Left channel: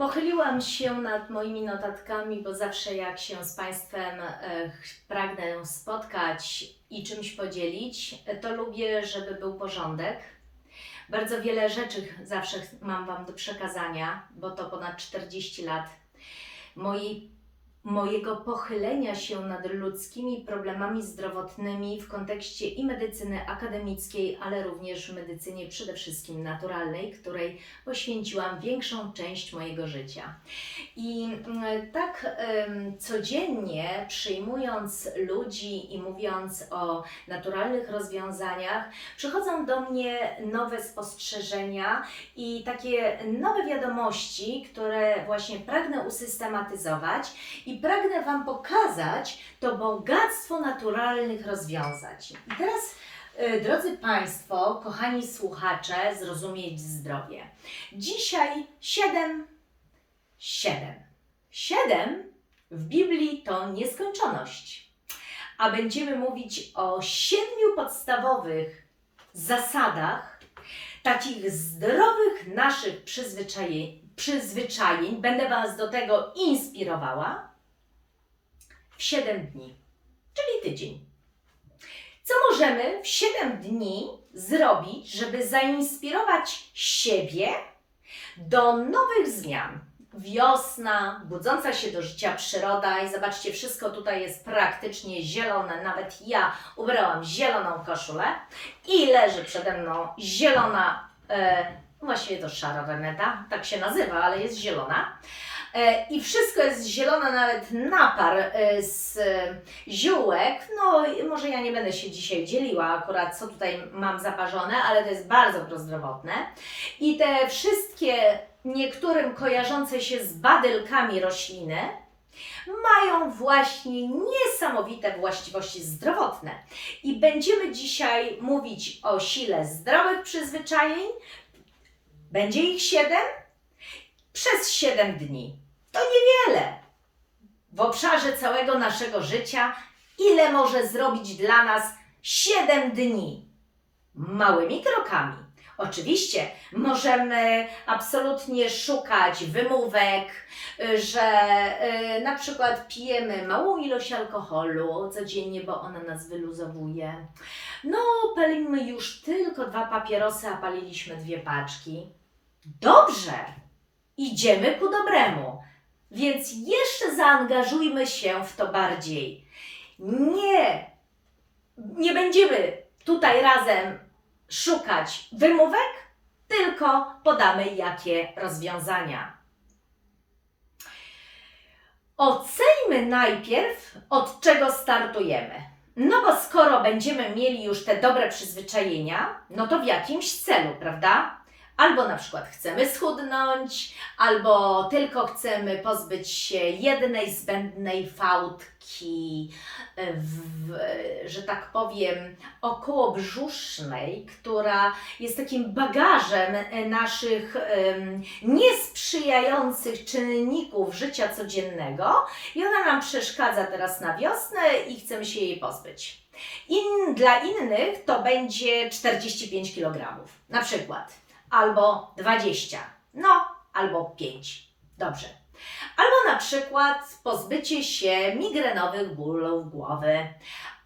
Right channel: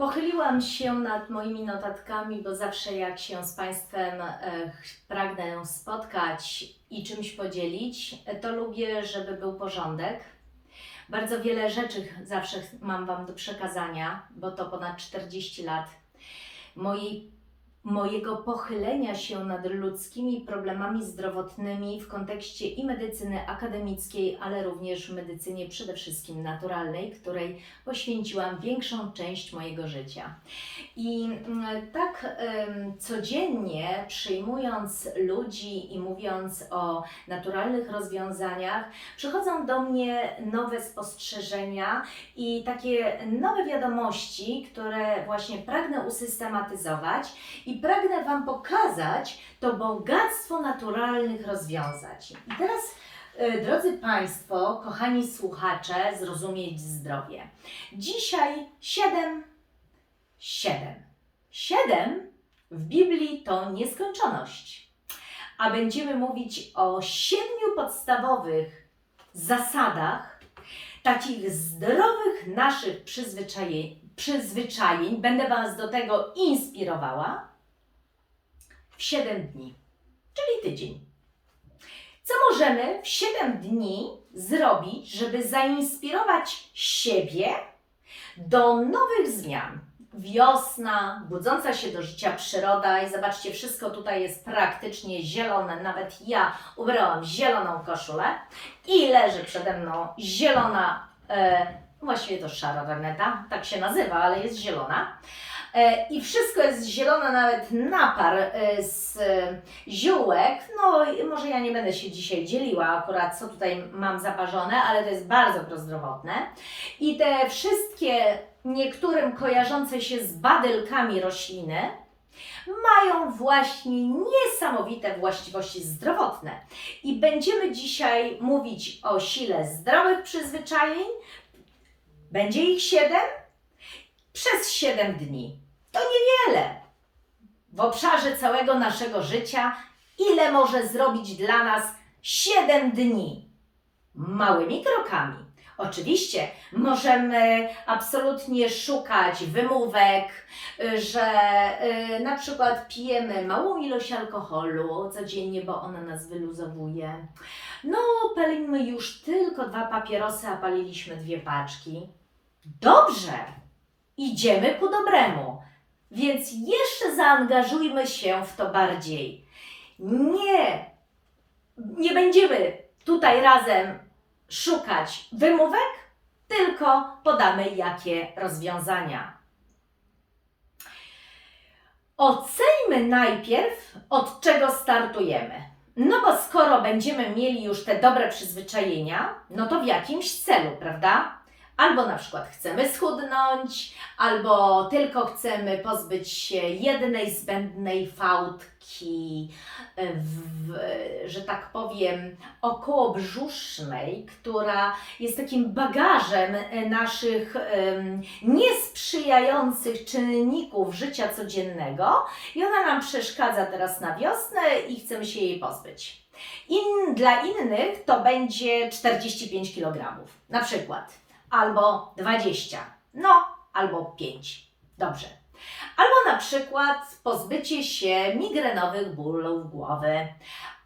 Pochyliłam się nad moimi notatkami, bo zawsze jak się z Państwem e, pragnę spotkać i czymś podzielić, to lubię, żeby był porządek. Bardzo wiele rzeczy zawsze mam Wam do przekazania, bo to ponad 40 lat mojej, mojego pochylenia się nad ludzkimi problemami zdrowotnymi w kontekście i medycyny akademickiej, ale również medycynie przede wszystkim naturalnej, której poświęciłam większą część mojego życia. I mm, tak codziennie przyjmując ludzi i mówiąc o naturalnych rozwiązaniach, przychodzą do mnie nowe spostrzeżenia i takie nowe wiadomości, które właśnie pragnę usystematyzować i pragnę Wam pokazać to bogactwo naturalnych rozwiązań. I teraz, y, drodzy Państwo, kochani słuchacze, zrozumieć zdrowie. Dzisiaj siedem, siedem. Siedem w Biblii to nieskończoność. A będziemy mówić o siedmiu podstawowych zasadach takich zdrowych naszych przyzwyczajeń, przyzwyczajeń. Będę Was do tego inspirowała 7 dni, czyli tydzień. Co możemy w 7 dni zrobić, żeby zainspirować siebie do nowych zmian? Wiosna, budząca się do życia przyroda i zobaczcie, wszystko tutaj jest praktycznie zielone. Nawet ja ubrałam zieloną koszulę i leży przede mną zielona, e, właściwie to szara reneta, tak się nazywa, ale jest zielona. E, I wszystko jest zielone, nawet napar e, z ziółek. No, może ja nie będę się dzisiaj dzieliła akurat, co tutaj mam zaparzone, ale to jest bardzo prozdrowotne. I te wszystkie niektórym kojarzące się z badylkami rośliny mają właśnie niesamowite właściwości zdrowotne. I będziemy dzisiaj mówić o sile zdrowych przyzwyczajeń. Będzie ich siedem przez 7 dni. To niewiele. W obszarze całego naszego życia, ile może zrobić dla nas 7 dni? Małymi krokami. Oczywiście możemy absolutnie szukać wymówek, że y, na przykład pijemy małą ilość alkoholu codziennie, bo ona nas wyluzowuje. No, palimy już tylko dwa papierosy, a paliliśmy dwie paczki. Dobrze, idziemy ku dobremu. Więc jeszcze zaangażujmy się w to bardziej. Nie, nie będziemy tutaj razem szukać wymówek, tylko podamy jakie rozwiązania. Oceńmy najpierw, od czego startujemy. No bo skoro będziemy mieli już te dobre przyzwyczajenia, no to w jakimś celu, prawda? Albo na przykład chcemy schudnąć, albo tylko chcemy pozbyć się jednej zbędnej fałdki, w, że tak powiem, okołobrzusznej, która jest takim bagażem naszych niesprzyjających czynników życia codziennego i ona nam przeszkadza teraz na wiosnę i chcemy się jej pozbyć. In, dla innych to będzie 45 kg, na przykład, albo 20, no, albo 5. Dobrze. Albo na przykład pozbycie się migrenowych bólów głowy,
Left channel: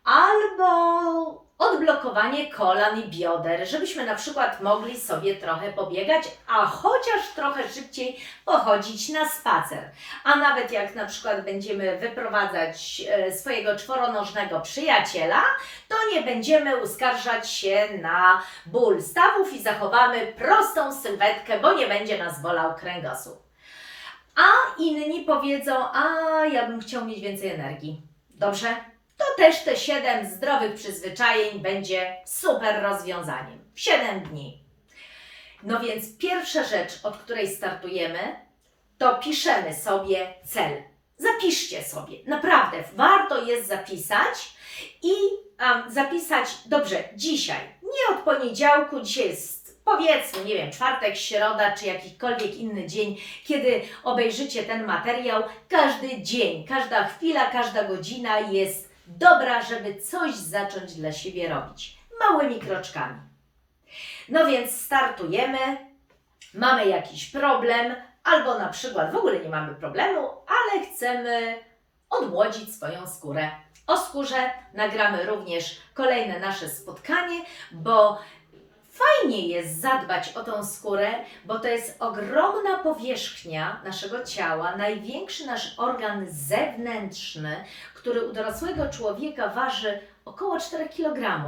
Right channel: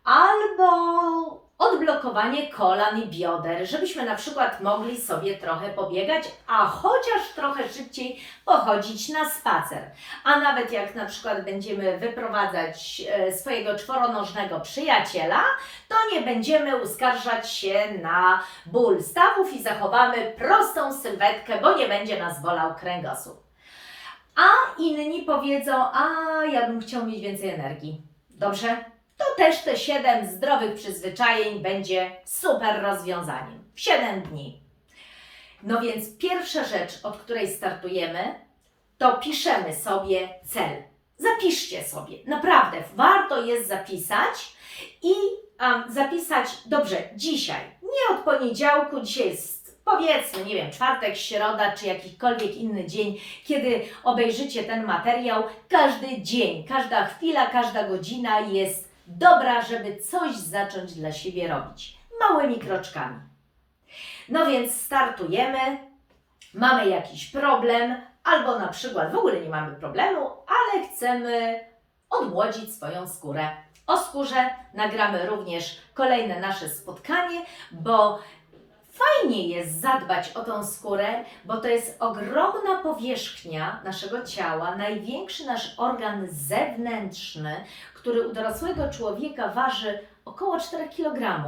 albo odblokowanie kolan i bioder, żebyśmy na przykład mogli sobie trochę pobiegać, a chociaż trochę szybciej pochodzić na spacer. A nawet jak na przykład będziemy wyprowadzać e, swojego czworonożnego przyjaciela, to nie będziemy uskarżać się na ból stawów i zachowamy prostą sylwetkę, bo nie będzie nas bolał kręgosłup. A inni powiedzą, a ja bym chciał mieć więcej energii. Dobrze? To też te 7 zdrowych przyzwyczajeń będzie super rozwiązaniem. W 7 dni. No więc pierwsza rzecz, od której startujemy, to piszemy sobie cel. Zapiszcie sobie. Naprawdę, warto jest zapisać i um, zapisać, dobrze, dzisiaj, nie od poniedziałku, dzisiaj jest powiedzmy, nie wiem, czwartek, środa czy jakikolwiek inny dzień, kiedy obejrzycie ten materiał, każdy dzień, każda chwila, każda godzina jest dobra, żeby coś zacząć dla siebie robić. Małymi kroczkami. No więc startujemy, mamy jakiś problem, albo na przykład w ogóle nie mamy problemu, ale chcemy odmłodzić swoją skórę. O skórze nagramy również kolejne nasze spotkanie, bo fajnie jest zadbać o tą skórę, bo to jest ogromna powierzchnia naszego ciała, największy nasz organ zewnętrzny, który u dorosłego człowieka waży około 4 kg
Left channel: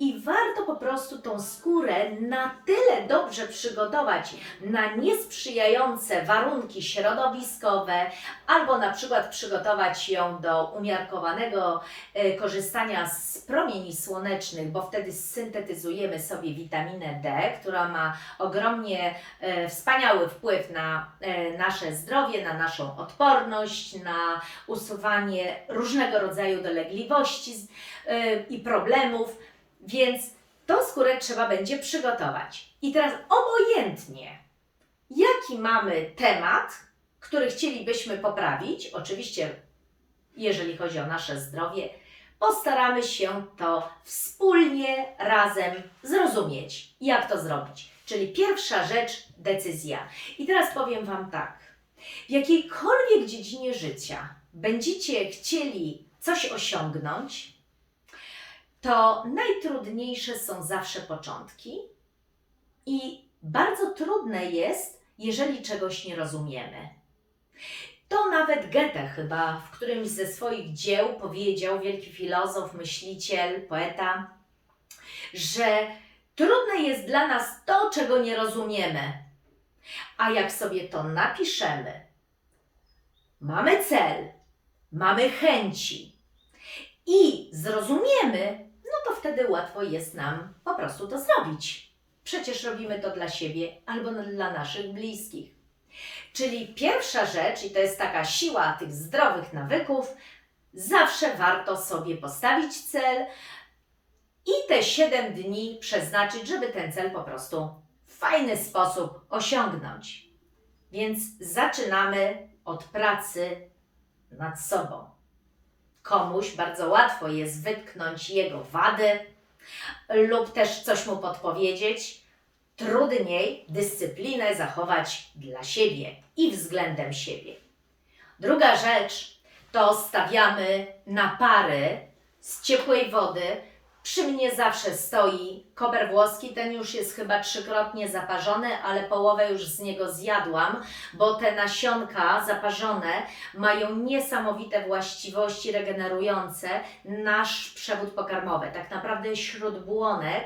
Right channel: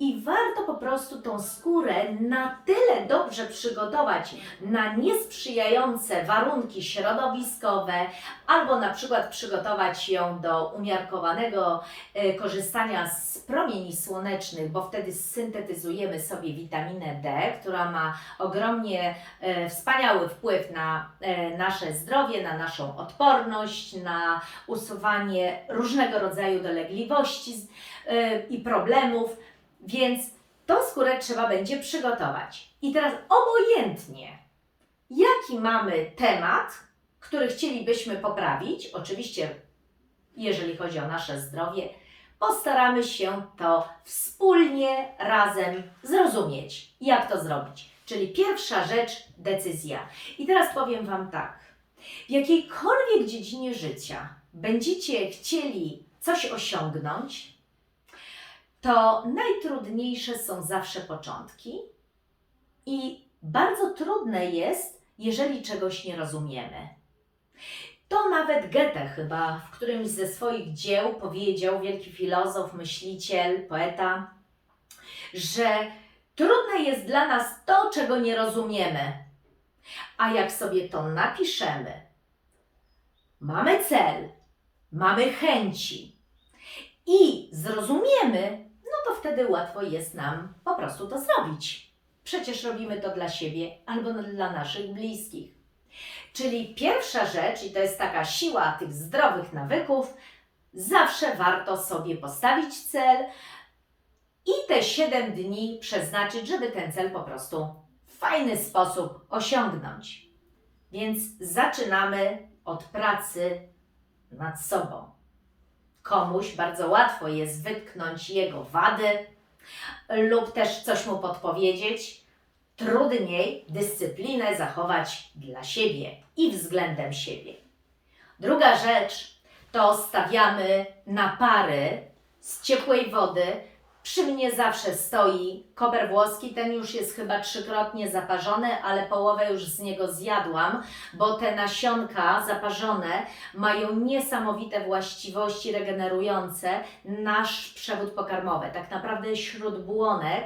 i warto po prostu tą skórę na tyle dobrze przygotować na niesprzyjające warunki środowiskowe, albo na przykład przygotować ją do umiarkowanego e, korzystania z promieni słonecznych, bo wtedy syntetyzujemy sobie witaminę D, która ma ogromnie e, wspaniały wpływ na e, nasze zdrowie, na naszą odporność, na usuwanie różnego rodzaju dolegliwości i problemów, więc tą skórę trzeba będzie przygotować. I teraz obojętnie, jaki mamy temat, który chcielibyśmy poprawić, oczywiście jeżeli chodzi o nasze zdrowie, postaramy się to wspólnie, razem zrozumieć, jak to zrobić. Czyli pierwsza rzecz, decyzja. I teraz powiem Wam tak. W jakiejkolwiek dziedzinie życia będziecie chcieli coś osiągnąć, to najtrudniejsze są zawsze początki i bardzo trudne jest, jeżeli czegoś nie rozumiemy. To nawet Goethe chyba w którymś ze swoich dzieł powiedział, wielki filozof, myśliciel, poeta, że trudne jest dla nas to, czego nie rozumiemy. A jak sobie to napiszemy, mamy cel, mamy chęci i zrozumiemy, no to wtedy łatwo jest nam po prostu to zrobić. Przecież robimy to dla siebie albo dla naszych bliskich. Czyli pierwsza rzecz, i to jest taka siła tych zdrowych nawyków, zawsze warto sobie postawić cel i te 7 dni przeznaczyć, żeby ten cel po prostu w fajny sposób osiągnąć. Więc zaczynamy od pracy nad sobą. Komuś bardzo łatwo jest wytknąć jego wady lub też coś mu podpowiedzieć. Trudniej dyscyplinę zachować dla siebie i względem siebie. Druga rzecz to stawiamy na pary z ciepłej wody. Przy mnie zawsze stoi koper włoski, ten już jest chyba trzykrotnie zaparzony, ale połowę już z niego zjadłam, bo te nasionka zaparzone mają niesamowite właściwości regenerujące nasz przewód pokarmowy. Tak naprawdę śródbłonek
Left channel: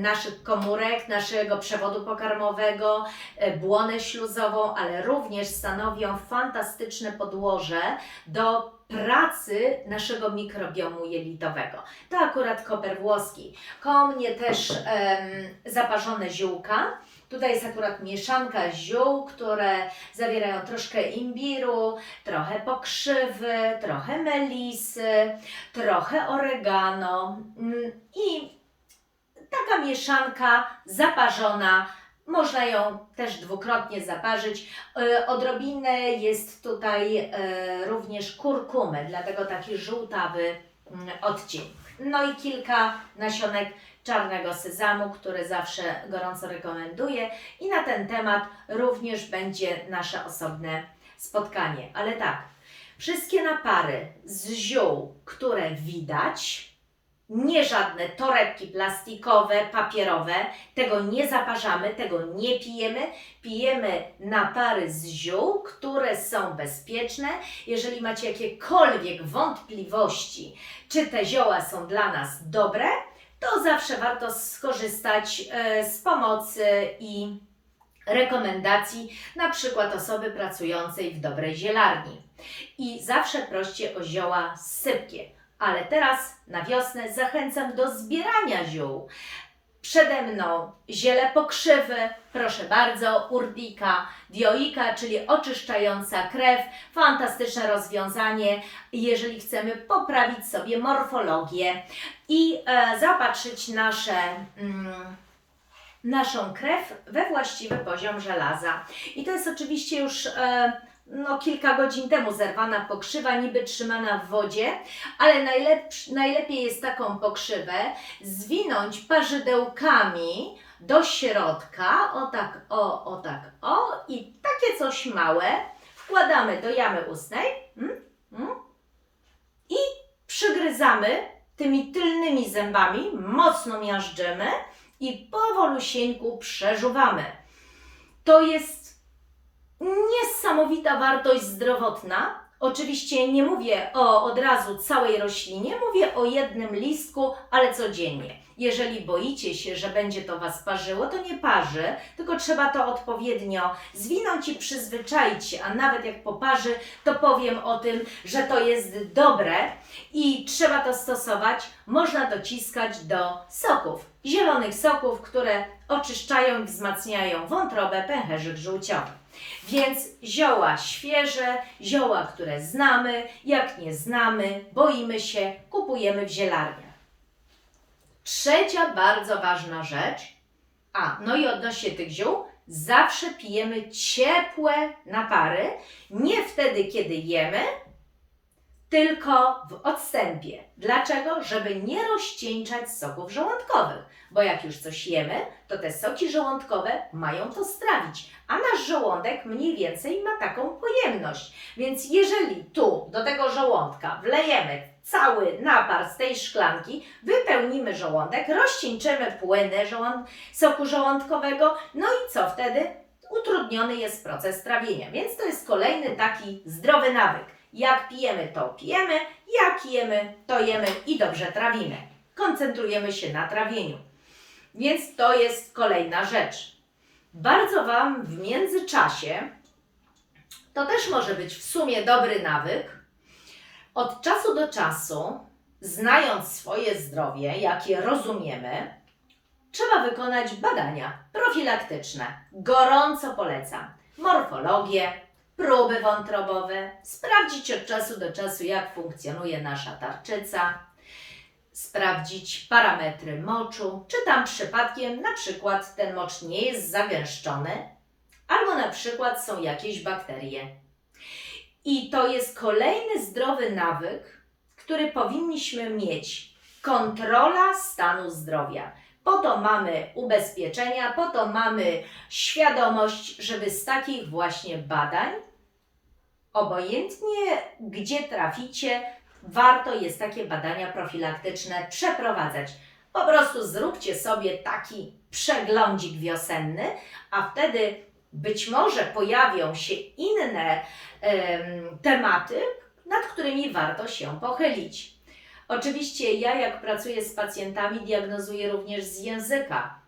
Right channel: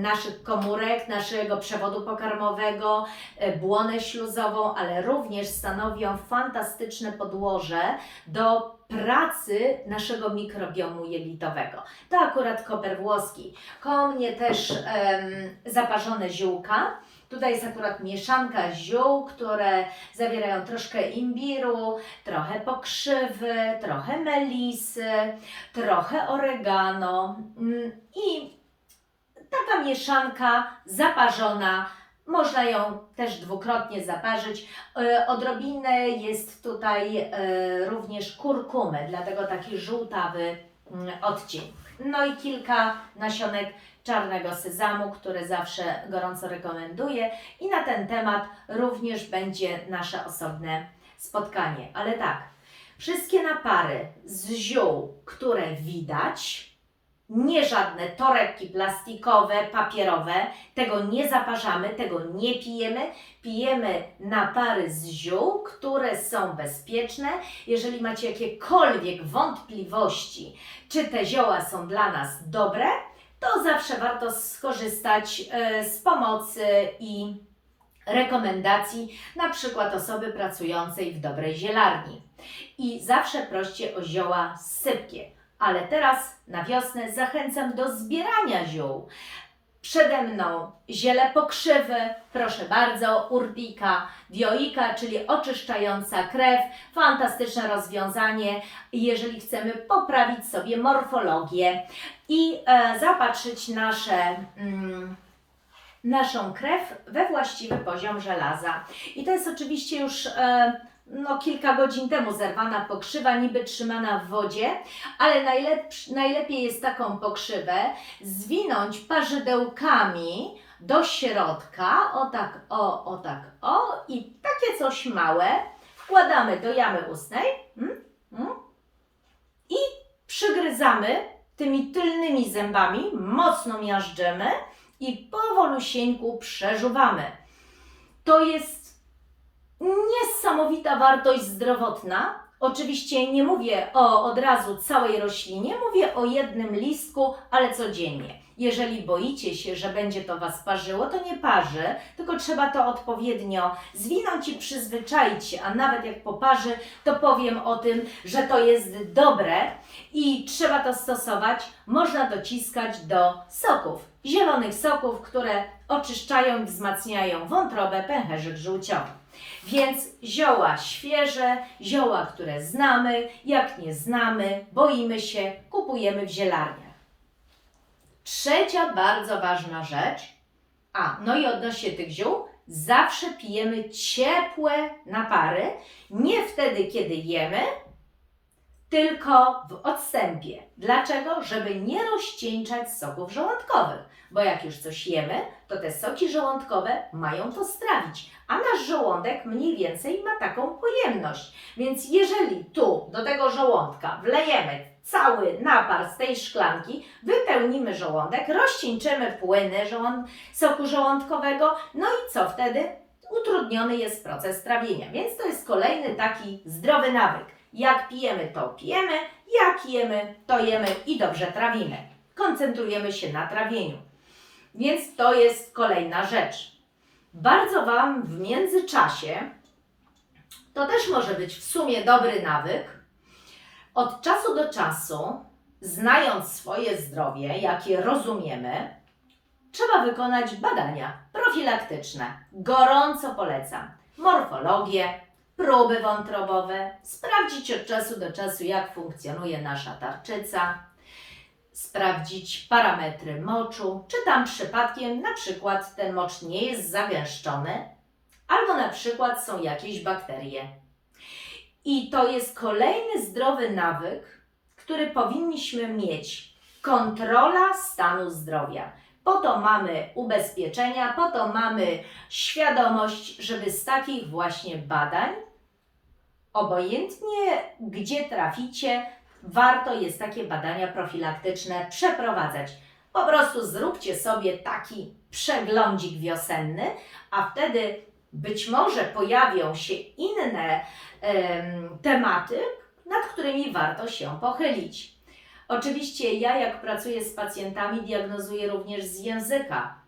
naszych komórek, naszego przewodu pokarmowego, e, błonę śluzową, ale również stanowią fantastyczne podłoże do pracy naszego mikrobiomu jelitowego. To akurat koper włoski. Koło mnie też em, zaparzone ziółka. Tutaj jest akurat mieszanka ziół, które zawierają troszkę imbiru, trochę pokrzywy, trochę melisy, trochę oregano mm, i taka mieszanka zaparzona. Można ją też dwukrotnie zaparzyć. E, Odrobinę jest tutaj e, również kurkumy, dlatego taki żółtawy mm, odcień. No i kilka nasionek czarnego sezamu, które zawsze gorąco rekomenduję. I na ten temat również będzie nasze osobne spotkanie. Ale tak, wszystkie napary z ziół, które widać, nie żadne torebki plastikowe, papierowe, tego nie zaparzamy, tego nie pijemy. Pijemy napary z ziół, które są bezpieczne. Jeżeli macie jakiekolwiek wątpliwości, czy te zioła są dla nas dobre, to zawsze warto skorzystać e, z pomocy i rekomendacji, na przykład osoby pracującej w dobrej zielarni. I zawsze proście o zioła sypkie. Ale teraz na wiosnę zachęcam do zbierania ziół. Przede mną ziele pokrzywy, proszę bardzo, urtika, dioika, czyli oczyszczająca krew. Fantastyczne rozwiązanie, jeżeli chcemy poprawić sobie morfologię i e, nasze, mm, naszą krew we właściwy poziom żelaza. I to jest oczywiście już e, no, kilka godzin temu zerwana pokrzywa, niby trzymana w wodzie, ale najlepiej jest taką pokrzywę zwinąć parzydełkami do środka, o tak, o, o tak, o i takie coś małe wkładamy do jamy ustnej mm, mm, i przygryzamy tymi tylnymi zębami, mocno miażdżymy i powolusieńku przeżuwamy. To jest niesamowita wartość zdrowotna. Oczywiście nie mówię o od razu całej roślinie, mówię o jednym listku, ale codziennie. Jeżeli boicie się, że będzie to Was parzyło, to nie parzy, tylko trzeba to odpowiednio zwinąć i przyzwyczaić się, a nawet jak poparzy, to powiem o tym, że to jest dobre i trzeba to stosować. Można dociskać do soków, zielonych soków, które oczyszczają i wzmacniają wątrobę, pęcherzyk żółciowy. Więc zioła świeże, zioła, które znamy, jak nie znamy, boimy się, kupujemy w zielarniach. Trzecia bardzo ważna rzecz, a no i odnośnie tych ziół, zawsze pijemy ciepłe napary, nie wtedy, kiedy jemy, tylko w odstępie. Dlaczego? Żeby nie rozcieńczać soków żołądkowych, bo jak już coś jemy, to te soki żołądkowe mają to strawić, a nasz żołądek mniej więcej ma taką pojemność. Więc jeżeli tu do tego żołądka wlejemy cały napar z tej szklanki, wypełnimy żołądek, rozcieńczymy płyny żołąd soku żołądkowego, no i co wtedy? Utrudniony jest proces trawienia. Więc to jest kolejny taki zdrowy nawyk. Jak pijemy, to pijemy, jak jemy, to jemy i dobrze trawimy. Koncentrujemy się na trawieniu. Więc to jest kolejna rzecz. Bardzo Wam w międzyczasie, to też może być w sumie dobry nawyk, od czasu do czasu, znając swoje zdrowie, jakie rozumiemy, trzeba wykonać badania profilaktyczne. Gorąco polecam. Morfologię, próby wątrobowe, sprawdzić od czasu do czasu, jak funkcjonuje nasza tarczyca, sprawdzić parametry moczu, czy tam przypadkiem na przykład ten mocz nie jest zagęszczony, albo na przykład są jakieś bakterie. I to jest kolejny zdrowy nawyk, który powinniśmy mieć. Kontrola stanu zdrowia. Po to mamy ubezpieczenia, po to mamy świadomość, żeby z takich właśnie badań, obojętnie gdzie traficie, warto jest takie badania profilaktyczne przeprowadzać. Po prostu zróbcie sobie taki przeglądzik wiosenny, a wtedy być może pojawią się inne em, tematy, nad którymi warto się pochylić. Oczywiście ja, jak pracuję z pacjentami, diagnozuję również z języka.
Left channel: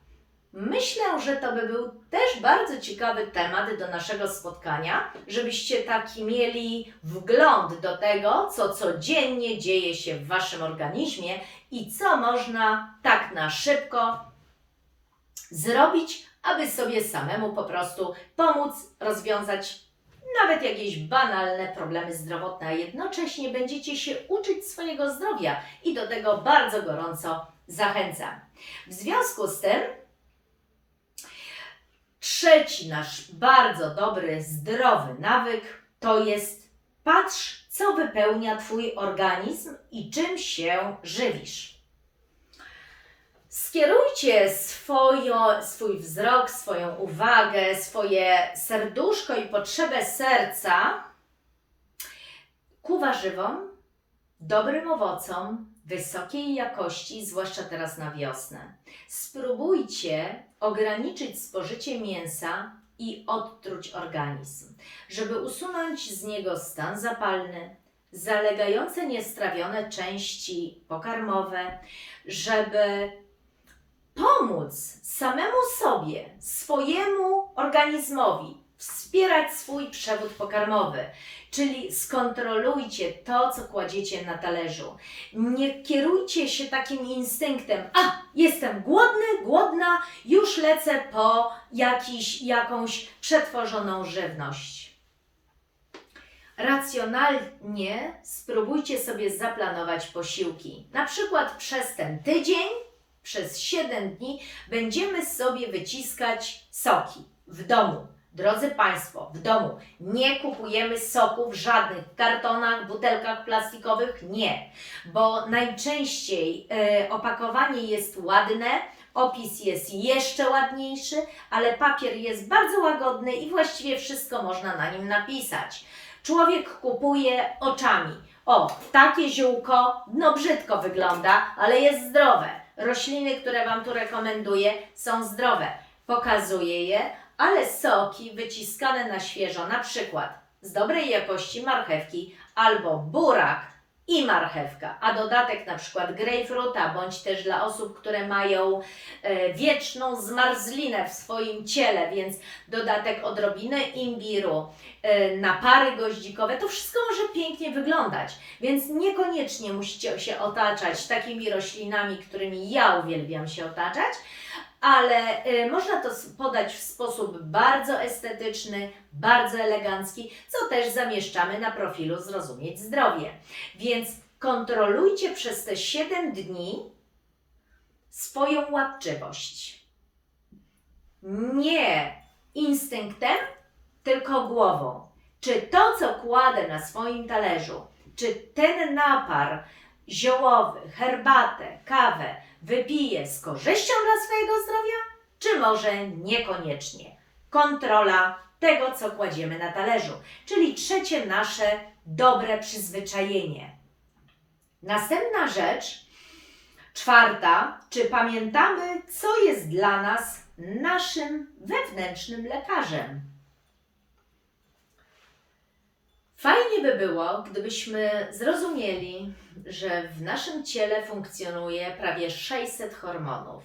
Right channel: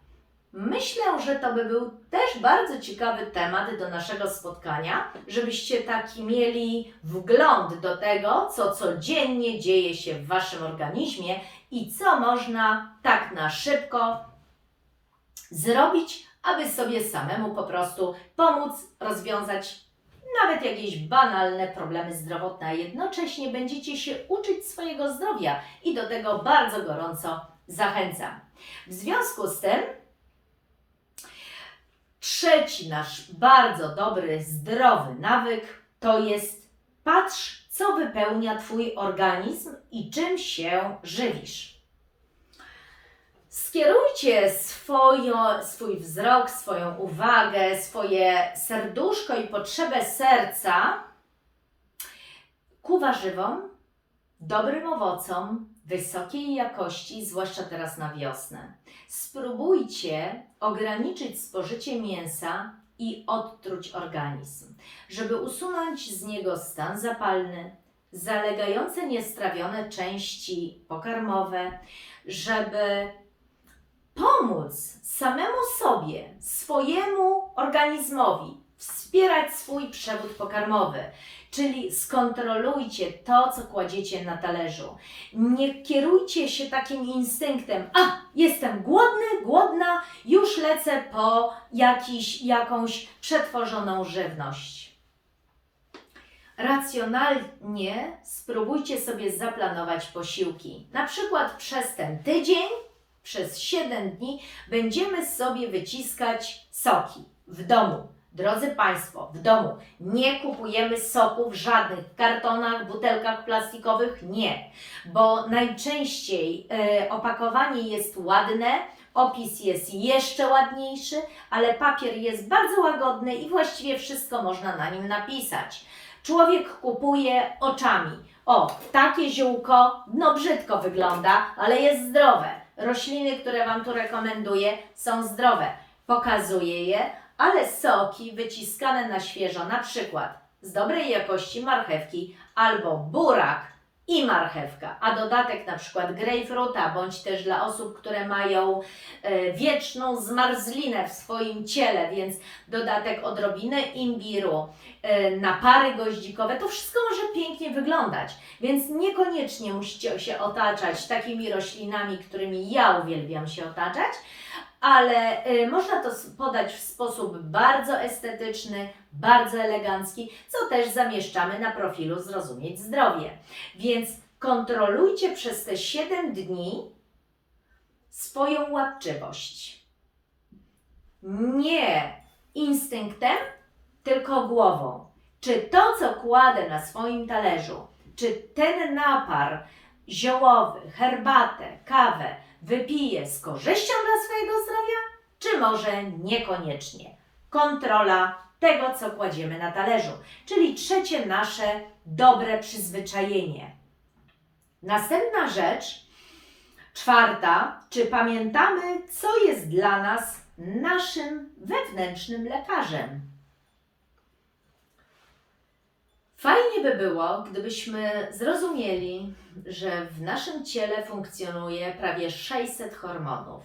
Myślę, że to by był też bardzo ciekawy temat do naszego spotkania, żebyście taki mieli wgląd do tego, co codziennie dzieje się w Waszym organizmie i co można tak na szybko zrobić, aby sobie samemu po prostu pomóc rozwiązać nawet jakieś banalne problemy zdrowotne, a jednocześnie będziecie się uczyć swojego zdrowia i do tego bardzo gorąco zachęcam. W związku z tym, trzeci nasz bardzo dobry, zdrowy nawyk to jest patrz, co wypełnia Twój organizm i czym się żywisz. Skierujcie swojo, swój wzrok, swoją uwagę, swoje serduszko i potrzebę serca ku warzywom, dobrym owocom, wysokiej jakości, zwłaszcza teraz na wiosnę. Spróbujcie ograniczyć spożycie mięsa i odtruć organizm, żeby usunąć z niego stan zapalny, zalegające niestrawione części pokarmowe, żeby pomóc samemu sobie, swojemu organizmowi wspierać swój przewód pokarmowy. Czyli skontrolujcie to, co kładziecie na talerzu. Nie kierujcie się takim instynktem, a jestem głodny, głodna, już lecę po jakiś, jakąś przetworzoną żywność. Racjonalnie spróbujcie sobie zaplanować posiłki. Na przykład przez ten tydzień przez 7 dni będziemy sobie wyciskać soki w domu. Drodzy Państwo, w domu nie kupujemy soków w żadnych kartonach, butelkach plastikowych, nie, bo najczęściej e, opakowanie jest ładne, opis jest jeszcze ładniejszy, ale papier jest bardzo łagodny i właściwie wszystko można na nim napisać. Człowiek kupuje oczami. O, takie ziółko, no brzydko wygląda, ale jest zdrowe. Rośliny, które Wam tu rekomenduję, są zdrowe. Pokazuję je, ale soki wyciskane na świeżo, na przykład z dobrej jakości marchewki albo burak i marchewka, a dodatek na przykład grejpfruta, bądź też dla osób, które mają e, wieczną zmarzlinę w swoim ciele, więc dodatek odrobinę imbiru, e, napary goździkowe, to wszystko może pięknie wyglądać, więc niekoniecznie musicie się otaczać takimi roślinami, którymi ja uwielbiam się otaczać, ale y, można to podać w sposób bardzo estetyczny, bardzo elegancki, co też zamieszczamy na profilu Zrozumieć Zdrowie. Więc kontrolujcie przez te 7 dni swoją łapczywość. Nie instynktem, tylko głową. Czy to, co kładę na swoim talerzu, czy ten napar ziołowy, herbatę, kawę wypiję z korzyścią dla swojego zdrowia, czy może niekoniecznie? Kontrola tego, co kładziemy na talerzu, czyli trzecie nasze dobre przyzwyczajenie. Następna rzecz, czwarta, czy pamiętamy, co jest dla nas naszym wewnętrznym lekarzem? Fajnie by było, gdybyśmy zrozumieli, że w naszym ciele funkcjonuje prawie 600 hormonów,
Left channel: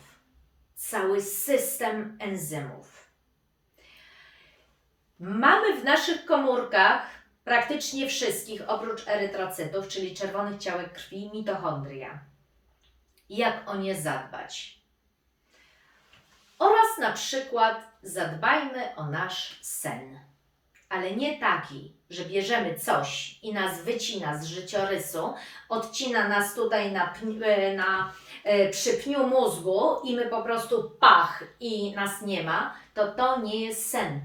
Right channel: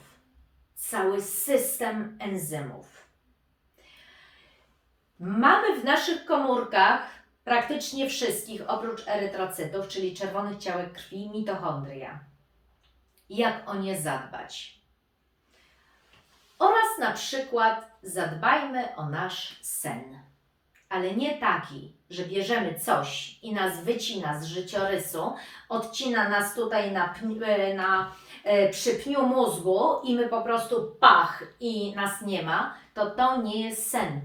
cały system enzymów. Mamy w naszych komórkach praktycznie wszystkich, oprócz erytrocytów, czyli czerwonych ciałek krwi, mitochondria. Jak o nie zadbać? Oraz na przykład zadbajmy o nasz sen ale nie taki, że bierzemy coś i nas wycina z życiorysu, odcina nas tutaj na, e, na e, przy pniu mózgu i my po prostu pach i nas nie ma, to to nie jest sen.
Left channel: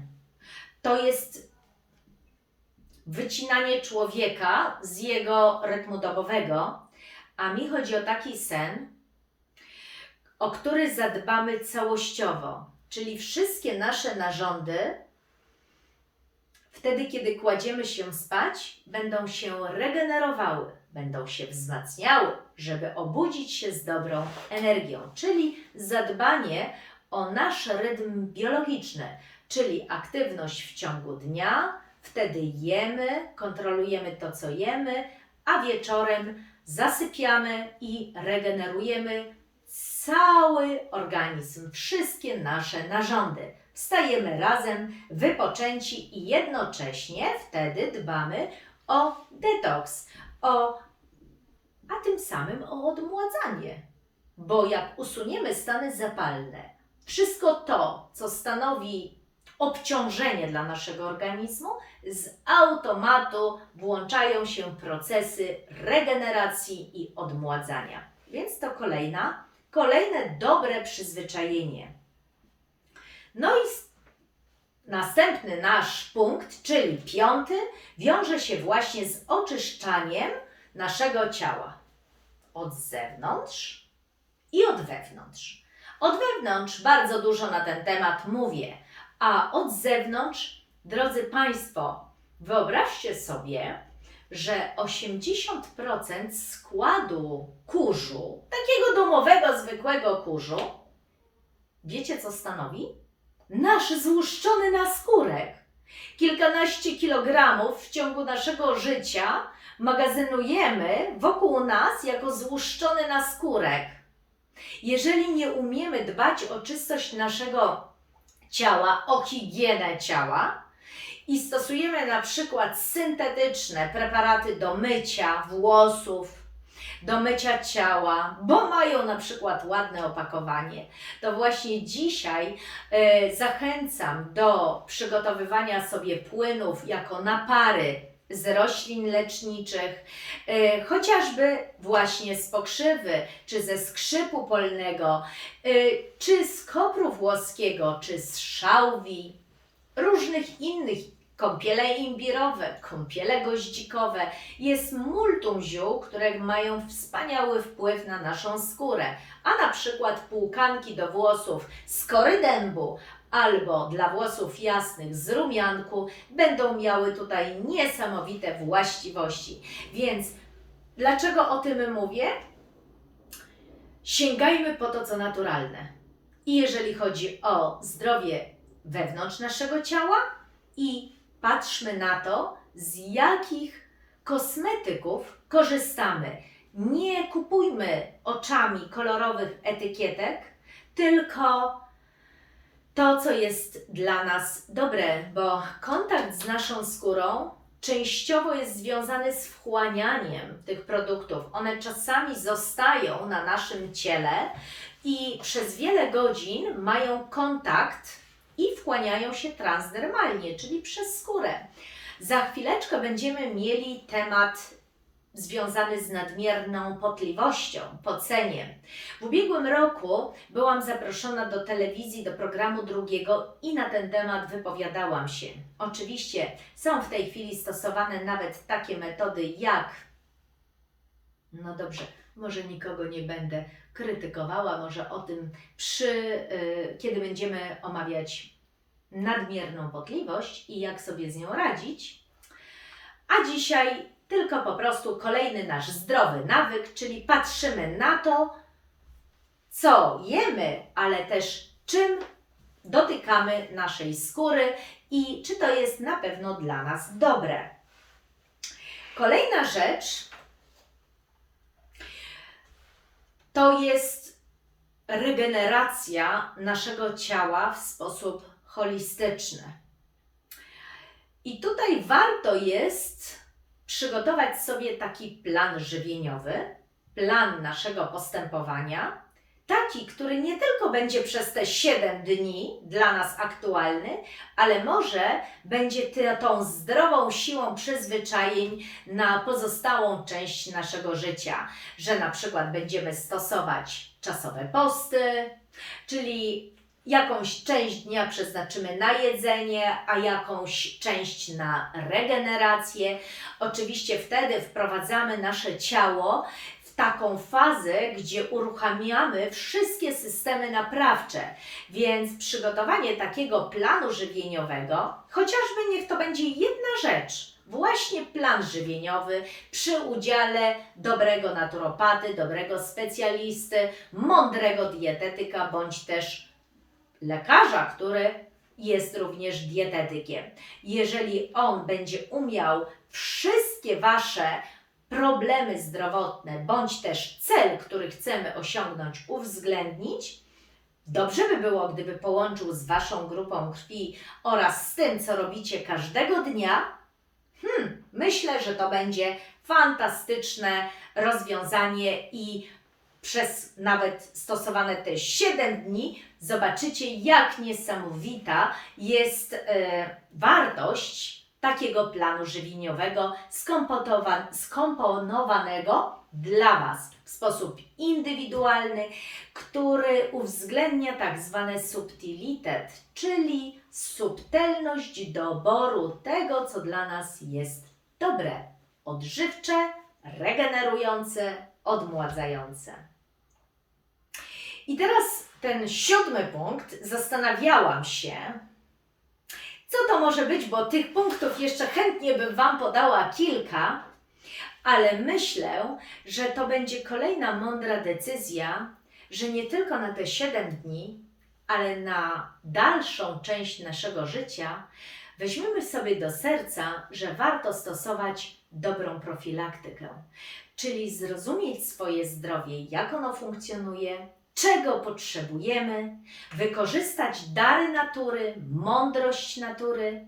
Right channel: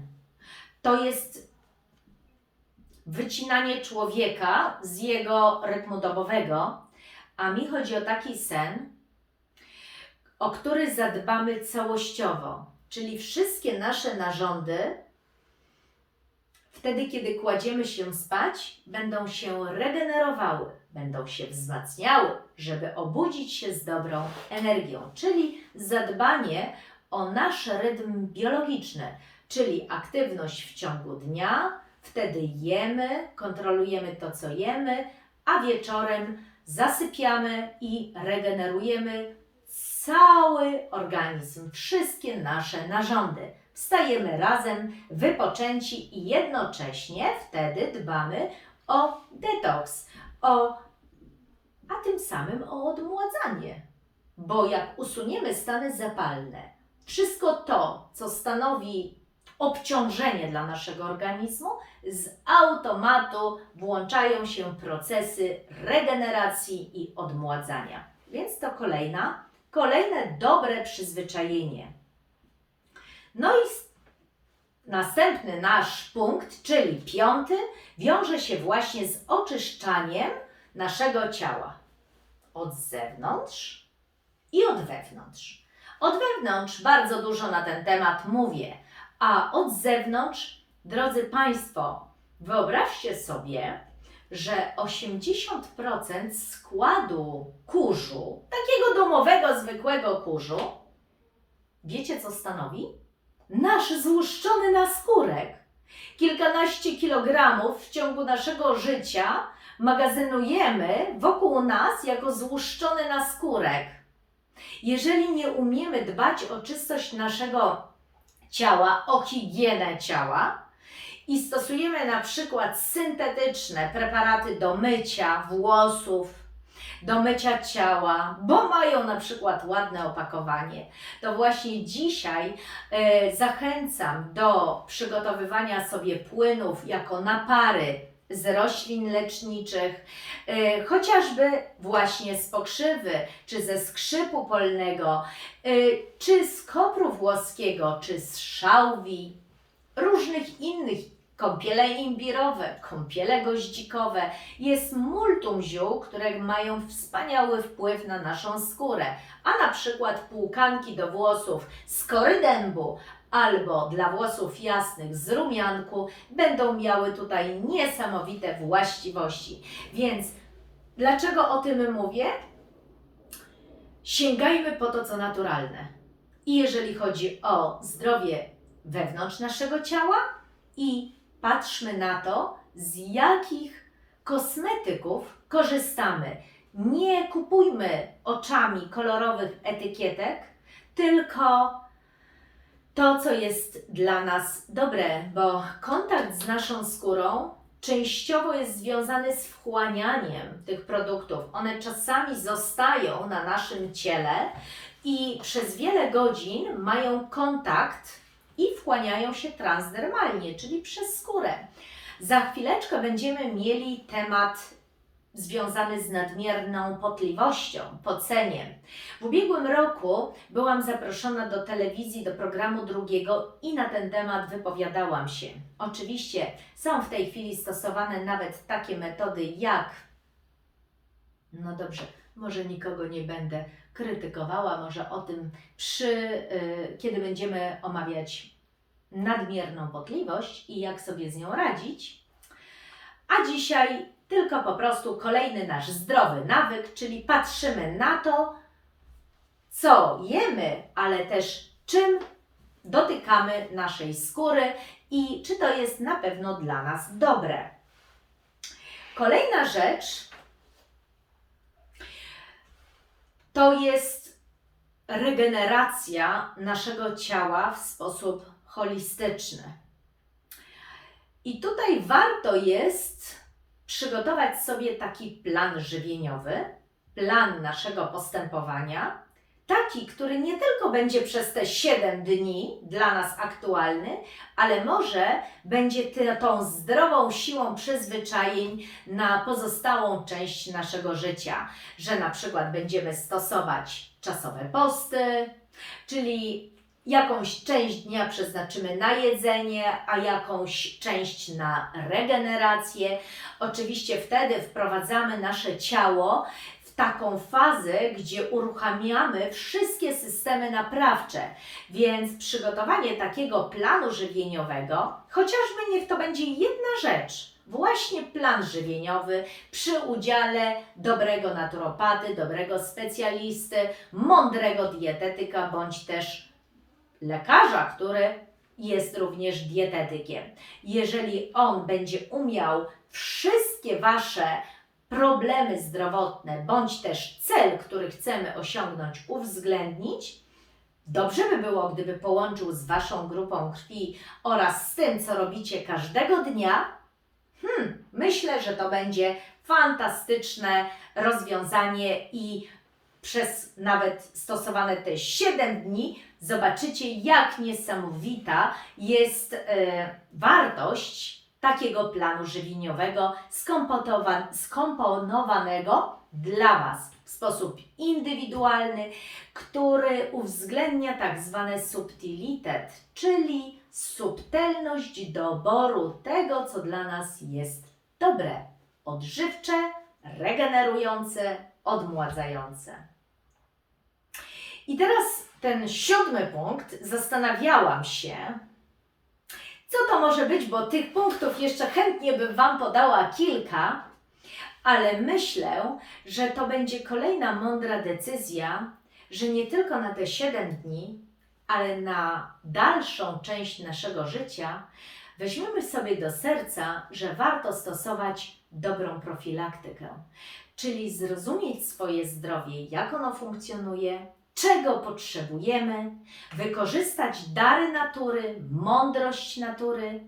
To jest wycinanie człowieka z jego rytmu dobowego, a mi chodzi o taki sen, o który zadbamy całościowo, czyli wszystkie nasze narządy wtedy, kiedy kładziemy się spać, będą się regenerowały, będą się wzmacniały, żeby obudzić się z dobrą energią, czyli zadbanie o nasz rytm biologiczny, czyli aktywność w ciągu dnia, wtedy jemy, kontrolujemy to, co jemy, a wieczorem zasypiamy i regenerujemy cały organizm, wszystkie nasze narządy. Wstajemy razem, wypoczęci i jednocześnie wtedy dbamy o detoks, o, a tym samym o odmładzanie. Bo jak usuniemy stany zapalne, wszystko to, co stanowi obciążenie dla naszego organizmu, z automatu włączają się procesy regeneracji i odmładzania. Więc to kolejna, kolejne dobre przyzwyczajenie. No i następny nasz punkt, czyli piąty, wiąże się właśnie z oczyszczaniem naszego ciała od zewnątrz i od wewnątrz. Od wewnątrz bardzo dużo na ten temat mówię, a od zewnątrz, drodzy Państwo, wyobraźcie sobie, że 80% składu kurzu, takiego domowego, zwykłego kurzu, wiecie co stanowi? Nasz złuszczony naskórek. Kilkanaście kilogramów w ciągu naszego życia magazynujemy wokół nas jako złuszczony naskórek. Jeżeli nie umiemy dbać o czystość naszego ciała, o higienę ciała i stosujemy na przykład syntetyczne preparaty do mycia włosów, do mycia ciała, bo mają na przykład ładne opakowanie, to właśnie dzisiaj e, zachęcam do przygotowywania sobie płynów jako napary z roślin leczniczych, e, chociażby właśnie z pokrzywy, czy ze skrzypu polnego, e, czy z kopru włoskiego, czy z szałwi, różnych innych kąpiele imbirowe, kąpiele goździkowe. Jest multum ziół, które mają wspaniały wpływ na naszą skórę. A na przykład płukanki do włosów z kory dębu albo dla włosów jasnych z rumianku będą miały tutaj niesamowite właściwości. Więc dlaczego o tym mówię? Sięgajmy po to, co naturalne. I jeżeli chodzi o zdrowie wewnątrz naszego ciała, i patrzmy na to, z jakich kosmetyków korzystamy. Nie kupujmy oczami kolorowych etykietek, tylko to, co jest dla nas dobre, bo kontakt z naszą skórą częściowo jest związany z wchłanianiem tych produktów. One czasami zostają na naszym ciele i przez wiele godzin mają kontakt i wchłaniają się transdermalnie, czyli przez skórę. Za chwileczkę będziemy mieli temat związany z nadmierną potliwością, poceniem. W ubiegłym roku byłam zaproszona do telewizji, do programu drugiego i na ten temat wypowiadałam się. Oczywiście są w tej chwili stosowane nawet takie metody jak. No dobrze, może nikogo nie będę krytykowała, może o tym przy, y, kiedy będziemy omawiać nadmierną potliwość i jak sobie z nią radzić. A dzisiaj tylko po prostu kolejny nasz zdrowy nawyk, czyli patrzymy na to, co jemy, ale też czym dotykamy naszej skóry i czy to jest na pewno dla nas dobre. Kolejna rzecz to jest regeneracja naszego ciała w sposób holistyczny. I tutaj warto jest przygotować sobie taki plan żywieniowy, plan naszego postępowania, taki, który nie tylko będzie przez te 7 dni dla nas aktualny, ale może będzie tą zdrową siłą przyzwyczajeń na pozostałą część naszego życia, że na przykład będziemy stosować czasowe posty, czyli jakąś część dnia przeznaczymy na jedzenie, a jakąś część na regenerację. Oczywiście wtedy wprowadzamy nasze ciało taką fazę, gdzie uruchamiamy wszystkie systemy naprawcze. Więc przygotowanie takiego planu żywieniowego, chociażby niech to będzie jedna rzecz, właśnie plan żywieniowy przy udziale dobrego naturopaty, dobrego specjalisty, mądrego dietetyka bądź też lekarza, który jest również dietetykiem. Jeżeli on będzie umiał wszystkie Wasze problemy zdrowotne bądź też cel, który chcemy osiągnąć, uwzględnić, dobrze by było, gdyby połączył z Waszą grupą krwi oraz z tym, co robicie każdego dnia. Hmm, myślę, że to będzie fantastyczne rozwiązanie i przez nawet stosowane te 7 dni zobaczycie, jak niesamowita jest e, wartość takiego planu żywieniowego skomponowanego dla Was w sposób indywidualny, który uwzględnia tak zwane subtilitet, czyli subtelność doboru tego, co dla nas jest dobre, odżywcze, regenerujące, odmładzające. I teraz ten siódmy punkt, zastanawiałam się, co to może być, bo tych punktów jeszcze chętnie bym Wam podała kilka, ale myślę, że to będzie kolejna mądra decyzja, że nie tylko na te 7 dni, ale na dalszą część naszego życia weźmiemy sobie do serca, że warto stosować dobrą profilaktykę, czyli zrozumieć swoje zdrowie, jak ono funkcjonuje, czego potrzebujemy, wykorzystać dary natury, mądrość natury.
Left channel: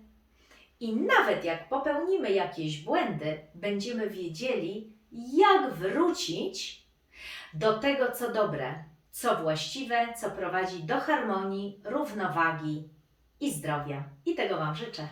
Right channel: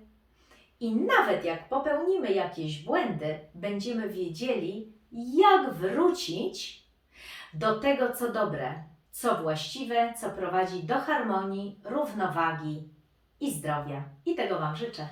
I nawet jak popełnimy jakieś błędy, będziemy wiedzieli, jak wrócić do tego, co dobre, co właściwe, co prowadzi do harmonii, równowagi i zdrowia. I tego Wam życzę.